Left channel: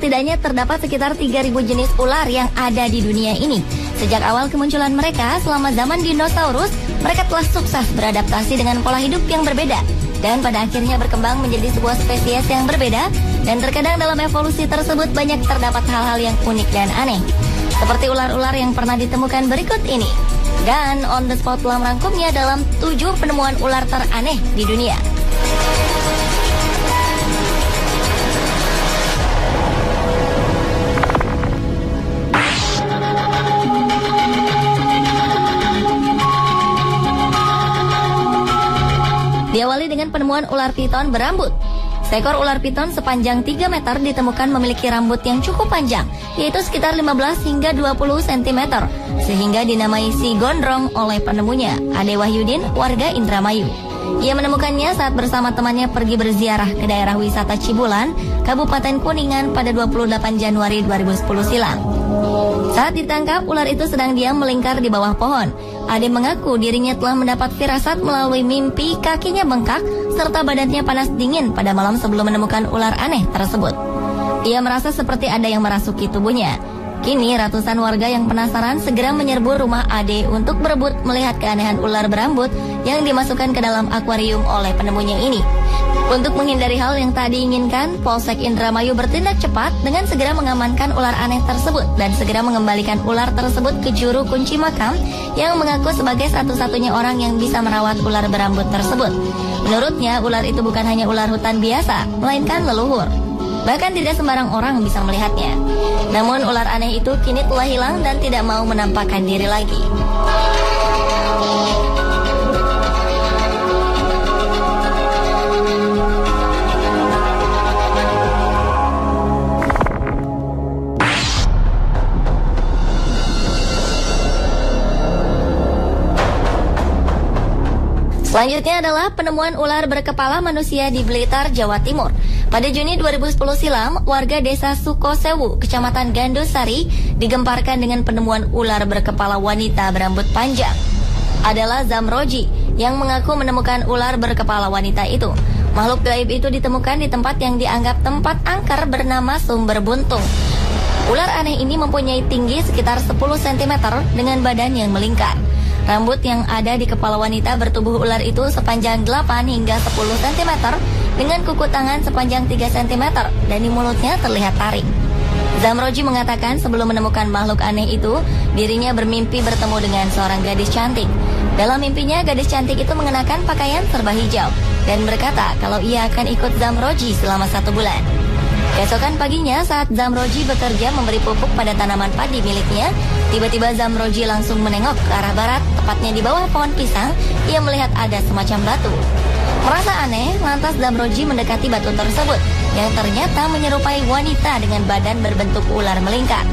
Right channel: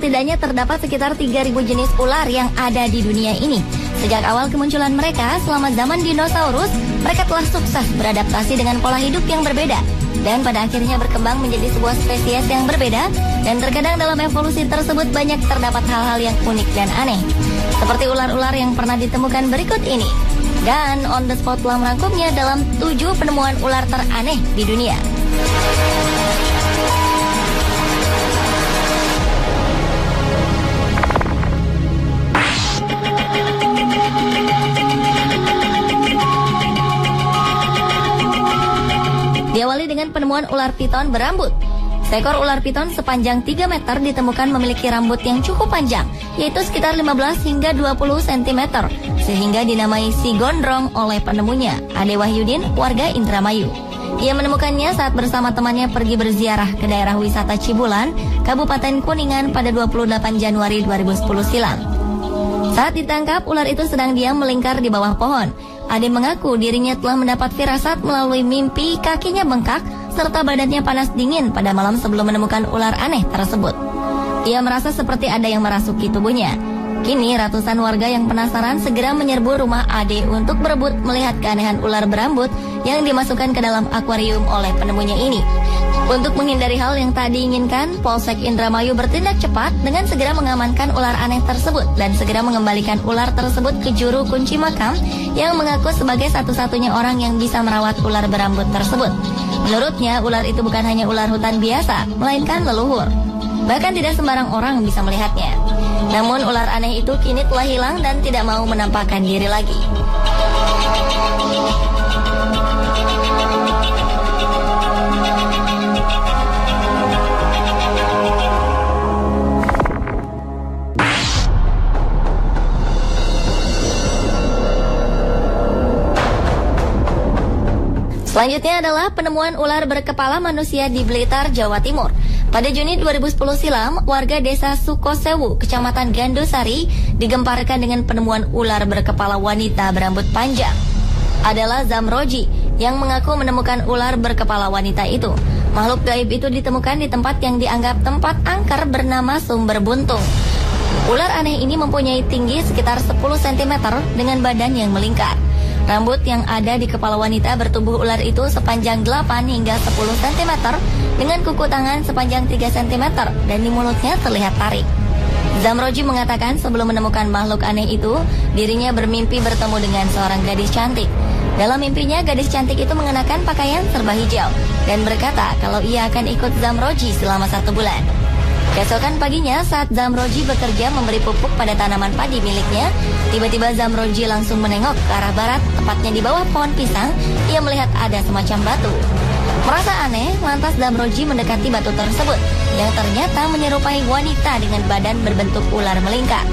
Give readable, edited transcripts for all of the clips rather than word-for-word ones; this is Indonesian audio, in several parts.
setidaknya terdapat sekitar 3.000 jenis ular yang ada di dunia ini. Sejak awal kemunculan mereka selama zaman dinosaurus, mereka telah sukses beradaptasi dengan pola hidup yang berbeda. Dan pada akhirnya berkembang menjadi sebuah spesies yang berbeda. Dan terkadang dalam evolusi tersebut banyak terdapat hal-hal yang unik dan aneh. Seperti ular-ular yang pernah ditemukan berikut ini. Dan On The Spot telah merangkumnya dalam 7 penemuan ular teraneh di dunia. Diawali dengan penemuan ular piton berambut. Seekor ular piton sepanjang 3 meter ditemukan memiliki rambut yang cukup panjang, yaitu sekitar 15 hingga 20 cm, sehingga dinamai si gondrong oleh penemunya, Ade Wahyudin, warga Indramayu. Ia menemukannya saat bersama temannya pergi berziarah ke daerah wisata Cibulan, Kabupaten Kuningan pada 28 Januari 2010 silam. Saat ditangkap, ular itu sedang diam melingkar di bawah pohon. Ade mengaku dirinya telah mendapat firasat melalui mimpi kakinya bengkak serta badannya panas dingin pada malam sebelum menemukan ular aneh tersebut. Ia merasa seperti ada yang merasuki tubuhnya. Kini ratusan warga yang penasaran segera menyerbu rumah Ade untuk berebut melihat keanehan ular berambut yang dimasukkan ke dalam akuarium oleh penemunya ini. Untuk menghindari hal yang tak diinginkan, Polsek Indramayu bertindak cepat dengan segera mengamankan ular aneh tersebut dan segera mengembalikan ular tersebut ke juru kunci makam yang mengaku sebagai satu-satunya orang yang bisa merawat ular berambut tersebut. Menurutnya, ular itu bukan hanya ular hutan biasa, melainkan leluhur. Bahkan tidak sembarang orang bisa melihatnya. Namun ular aneh itu kini telah hilang dan tidak mau menampakkan diri lagi. Selanjutnya adalah penemuan ular berkepala manusia di Blitar, Jawa Timur. Pada Juni 2010 silam, warga desa Sukosewu, Kecamatan Gandusari, digemparkan dengan penemuan ular berkepala wanita berambut panjang. Adalah Zamroji yang mengaku menemukan ular berkepala wanita itu. Makhluk gaib itu ditemukan di tempat yang dianggap tempat angker bernama Sumber Buntung. Ular aneh ini mempunyai tinggi sekitar 10 cm dengan badan yang melingkar. Rambut yang ada di kepala wanita bertubuh ular itu sepanjang 8 hingga 10 cm dengan kuku tangan sepanjang 3 cm dan di mulutnya terlihat taring. Zamroji mengatakan sebelum menemukan makhluk aneh itu, dirinya bermimpi bertemu dengan seorang gadis cantik. Dalam mimpinya, gadis cantik itu mengenakan pakaian serba hijau dan berkata kalau ia akan ikut Zamroji selama 1 bulan. Keesokan paginya saat Zamroji bekerja memberi pupuk pada tanaman padi miliknya, tiba-tiba Zamroji langsung menengok ke arah barat, tepatnya di bawah pohon pisang. Ia melihat ada semacam batu. Merasa aneh, lantas Zamroji mendekati batu tersebut, yang ternyata menyerupai wanita dengan badan berbentuk ular melingkar.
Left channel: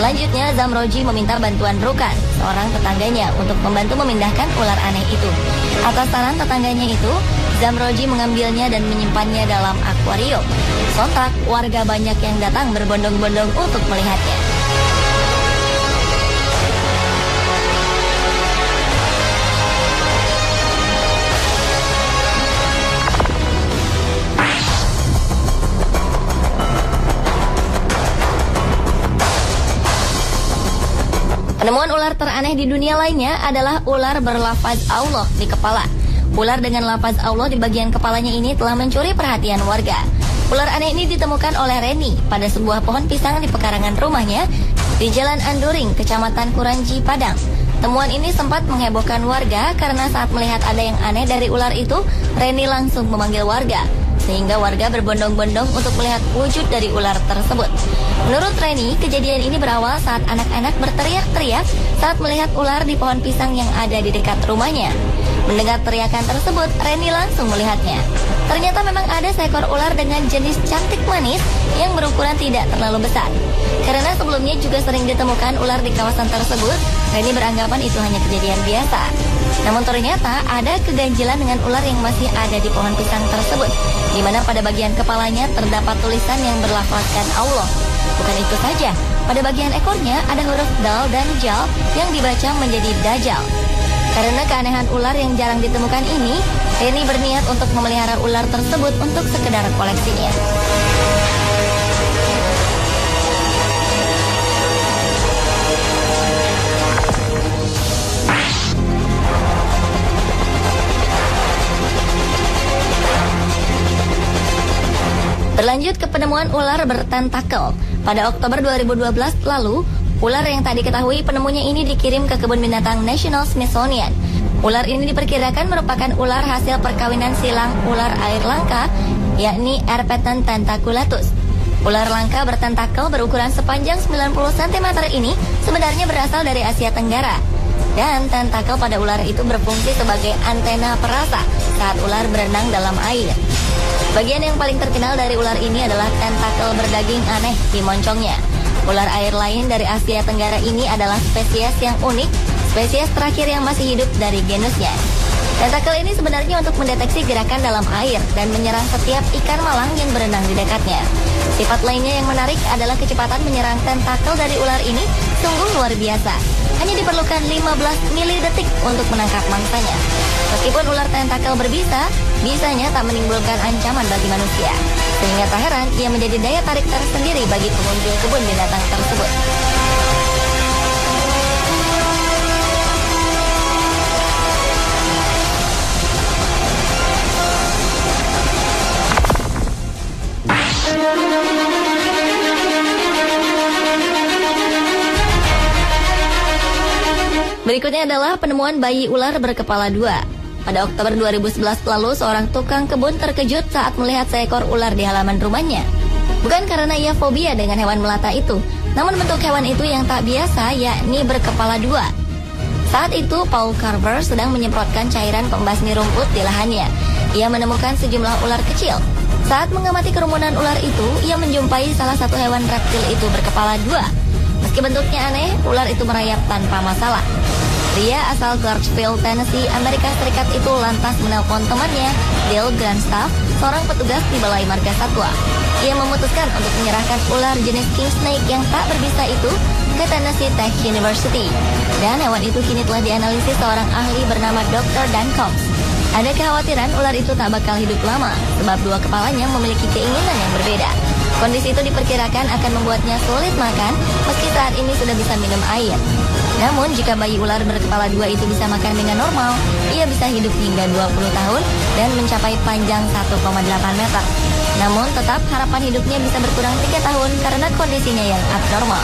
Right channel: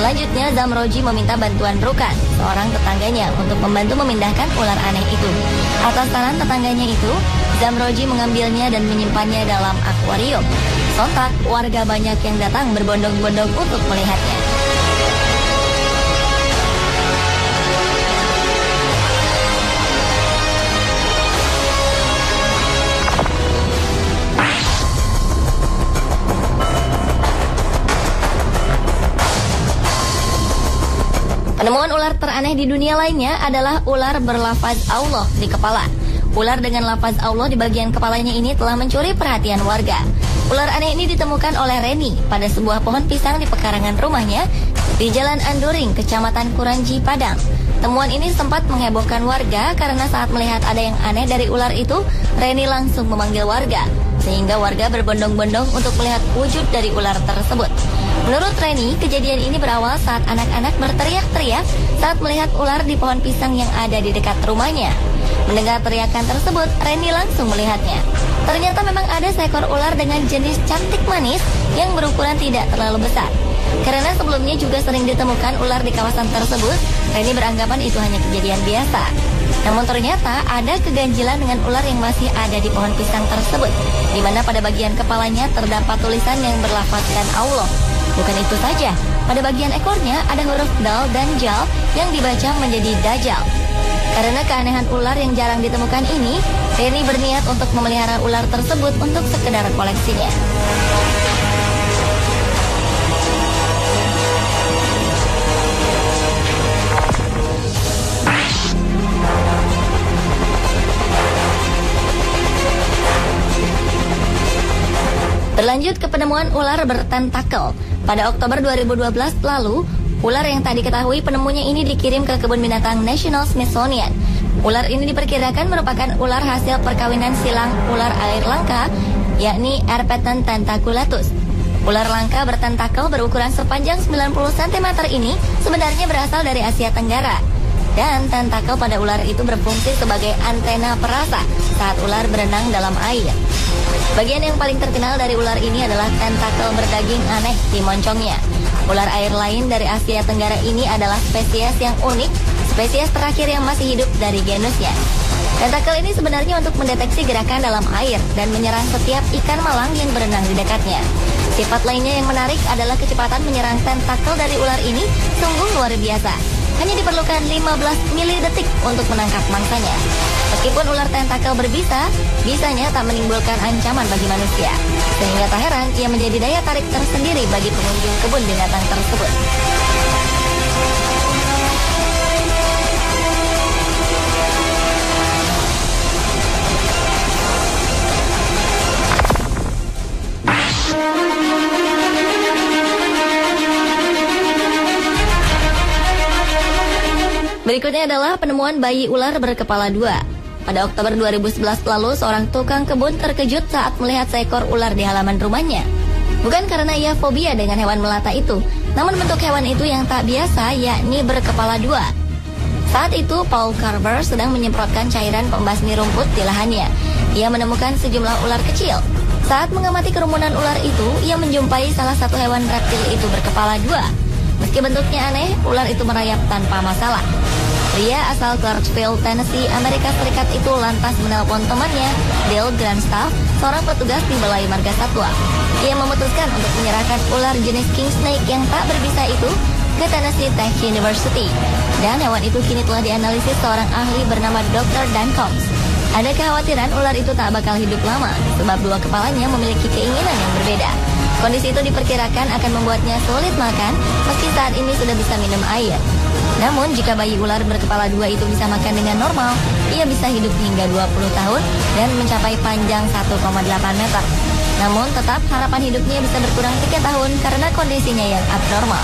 Selanjutnya Zamroji meminta bantuan Rukan, seorang tetangganya, untuk membantu memindahkan ular aneh itu. Atas saran tetangganya itu, Zamroji mengambilnya dan menyimpannya dalam akuarium. Sontak, warga banyak yang datang berbondong-bondong untuk melihatnya. Penemuan ular teraneh di dunia lainnya adalah ular berlafaz Allah di kepala. Ular dengan lafaz Allah di bagian kepalanya ini telah mencuri perhatian warga. Ular aneh ini ditemukan oleh Reni pada sebuah pohon pisang di pekarangan rumahnya di Jalan Anduring, Kecamatan Kuranji, Padang. Temuan ini sempat menghebohkan warga karena saat melihat ada yang aneh dari ular itu, Reni langsung memanggil warga, sehingga warga berbondong-bondong untuk melihat wujud dari ular tersebut. Menurut Reni, kejadian ini berawal saat anak-anak berteriak-teriak saat melihat ular di pohon pisang yang ada di dekat rumahnya. Mendengar teriakan tersebut, Reni langsung melihatnya. Ternyata memang ada seekor ular dengan jenis cantik manis yang berukuran tidak terlalu besar. Karena sebelumnya juga sering ditemukan ular di kawasan tersebut, Reni beranggapan itu hanya kejadian biasa. Namun ternyata ada keganjilan dengan ular yang masih ada di pohon pisang tersebut, di mana pada bagian kepalanya terdapat tulisan yang berlafazkan Allah. Bukan itu saja, pada bagian ekornya ada huruf dal dan jal yang dibaca menjadi Dajjal. Karena keanehan ular yang jarang ditemukan ini, Reni berniat untuk memelihara ular tersebut untuk sekedar koleksinya. penemuan ular bertentakel. Pada Oktober 2012 lalu, ular yang tak diketahui penemunya ini dikirim ke kebun binatang National Smithsonian. Ular ini diperkirakan merupakan ular hasil perkawinan silang ular air langka, yakni Erpeton tentaculatus. Ular langka bertentakel berukuran sepanjang 90 cm ini sebenarnya berasal dari Asia Tenggara. Dan tentakel pada ular itu berfungsi sebagai antena perasa saat ular berenang dalam air. Bagian yang paling terkenal dari ular ini adalah tentakel berdaging aneh di moncongnya. Ular air lain dari Asia Tenggara ini adalah spesies yang unik, spesies terakhir yang masih hidup dari genusnya. Tentakel ini sebenarnya untuk mendeteksi gerakan dalam air dan menyerang setiap ikan malang yang berenang di dekatnya. Sifat lainnya yang menarik adalah kecepatan menyerang tentakel dari ular ini sungguh luar biasa. Hanya diperlukan 15 milidetik untuk menangkap mangsanya. Meskipun ular tentakel berbisa, bisanya tak menimbulkan ancaman bagi manusia. Sehingga tak heran ia menjadi daya tarik tersendiri bagi pengunjung kebun binatang tersebut. Berikutnya adalah penemuan bayi ular berkepala dua. Pada Oktober 2011 lalu, seorang tukang kebun terkejut saat melihat seekor ular di halaman rumahnya. Bukan karena ia fobia dengan hewan melata itu, namun bentuk hewan itu yang tak biasa, yakni berkepala dua. Saat itu, Paul Carver sedang menyemprotkan cairan pembasmi rumput di lahannya. Ia menemukan sejumlah ular kecil. Saat mengamati kerumunan ular itu, ia menjumpai salah satu hewan reptil itu berkepala dua. Meski bentuknya aneh, ular itu merayap tanpa masalah. Pria asal Clarksville, Tennessee, Amerika Serikat itu lantas menelpon temannya, Bill Grandstaff, seorang petugas di Balai Marga Satwa. Ia memutuskan untuk menyerahkan ular jenis king snake yang tak berbisa itu ke Tennessee Tech University. Dan hewan itu kini telah dianalisis seorang ahli bernama Dr. Dan Combs. Ada kekhawatiran ular itu tak bakal hidup lama, sebab dua kepalanya memiliki keinginan yang berbeda. Kondisi itu diperkirakan akan membuatnya sulit makan, meski saat ini sudah bisa minum air. Namun, jika bayi ular berkepala dua itu bisa makan dengan normal, ia bisa hidup hingga 20 tahun dan mencapai panjang 1,8 meter. Namun, tetap harapan hidupnya bisa berkurang 3 tahun karena kondisinya yang abnormal.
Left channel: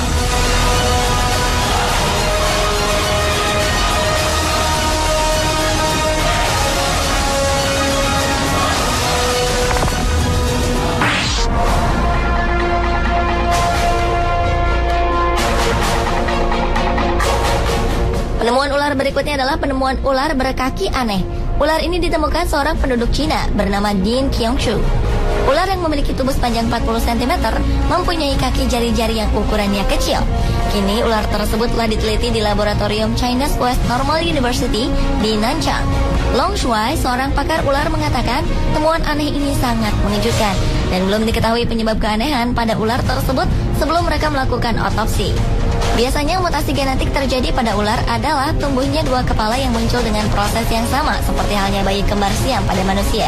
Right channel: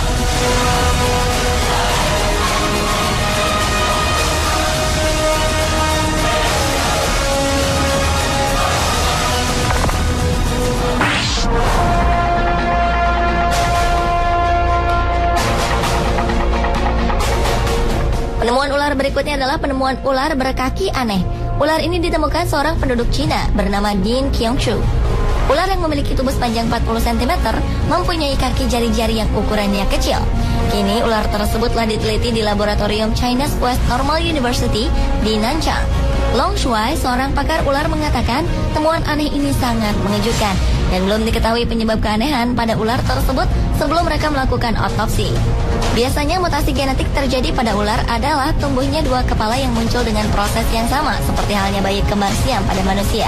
Penemuan ular berikutnya adalah penemuan ular berkaki aneh. Ular ini ditemukan seorang penduduk Cina bernama Ding Qiangshu. Ular yang memiliki tubuh sepanjang 40 cm mempunyai kaki jari-jari yang ukurannya kecil. Kini ular tersebut telah diteliti di laboratorium China's West Normal University di Nanchang. Long Shuai, seorang pakar ular, mengatakan temuan aneh ini sangat mengejutkan dan belum diketahui penyebab keanehan pada ular tersebut sebelum mereka melakukan otopsi. Biasanya mutasi genetik terjadi pada ular adalah tumbuhnya dua kepala yang muncul dengan proses yang sama seperti halnya bayi kembar siam pada manusia.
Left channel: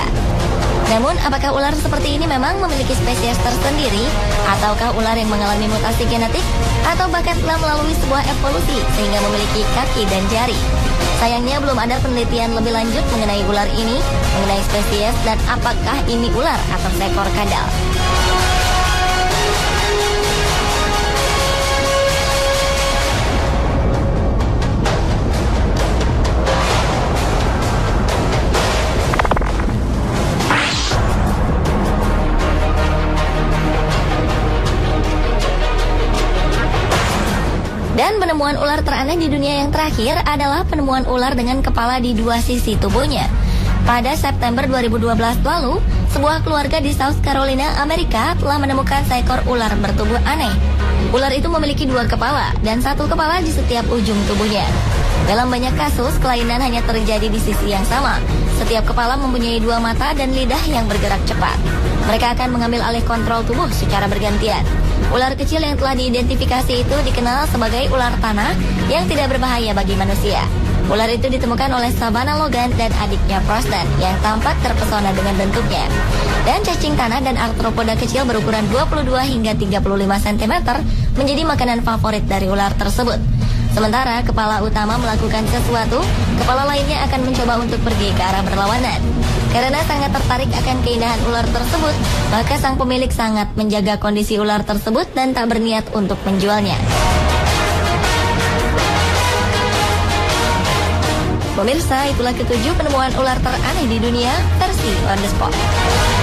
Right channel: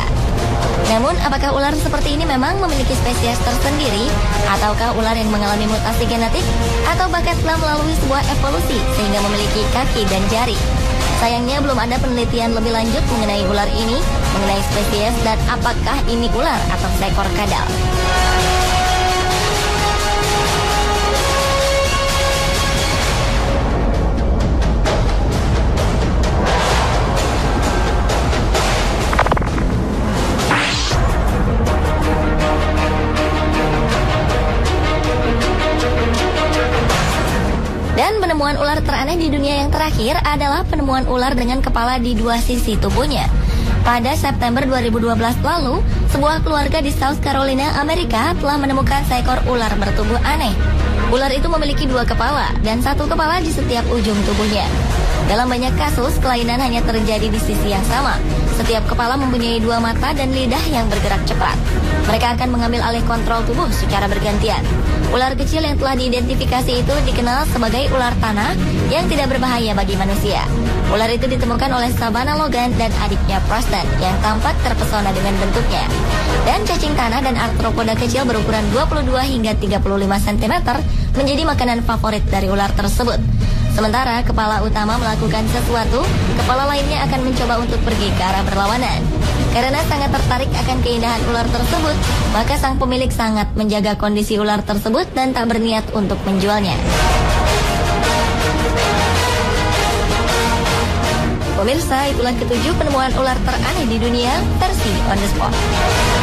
Namun, apakah ular seperti ini memang memiliki spesies tersendiri? Ataukah ular yang mengalami mutasi genetik? Atau bahkan telah melalui sebuah evolusi sehingga memiliki kaki dan jari? Sayangnya belum ada penelitian lebih lanjut mengenai ular ini, mengenai spesies dan apakah ini ular atau seekor kadal. Penemuan ular teraneh di dunia yang terakhir adalah penemuan ular dengan kepala di dua sisi tubuhnya. Pada September 2012 lalu, sebuah keluarga di South Carolina, Amerika telah menemukan seekor ular bertubuh aneh. Ular itu memiliki dua kepala dan satu kepala di setiap ujung tubuhnya. Dalam banyak kasus, kelainan hanya terjadi di sisi yang sama. Setiap kepala mempunyai dua mata dan lidah yang bergerak cepat. Mereka akan mengambil alih kontrol tubuh secara bergantian. Ular kecil yang telah diidentifikasi itu dikenal sebagai ular tanah yang tidak berbahaya bagi manusia. Ular itu ditemukan oleh Savannah Logan dan adiknya Preston yang tampak terpesona dengan bentuknya. Dan cacing tanah dan arthropoda kecil berukuran 22 hingga 35 cm menjadi makanan favorit dari ular tersebut. Sementara kepala utama melakukan sesuatu, kepala lainnya akan mencoba untuk pergi ke arah berlawanan. Karena sangat tertarik akan keindahan ular tersebut, maka sang pemilik sangat menjaga kondisi ular tersebut dan tak berniat untuk menjualnya. Pemirsa, itulah ketujuh penemuan ular teraneh di dunia versi On The Spot.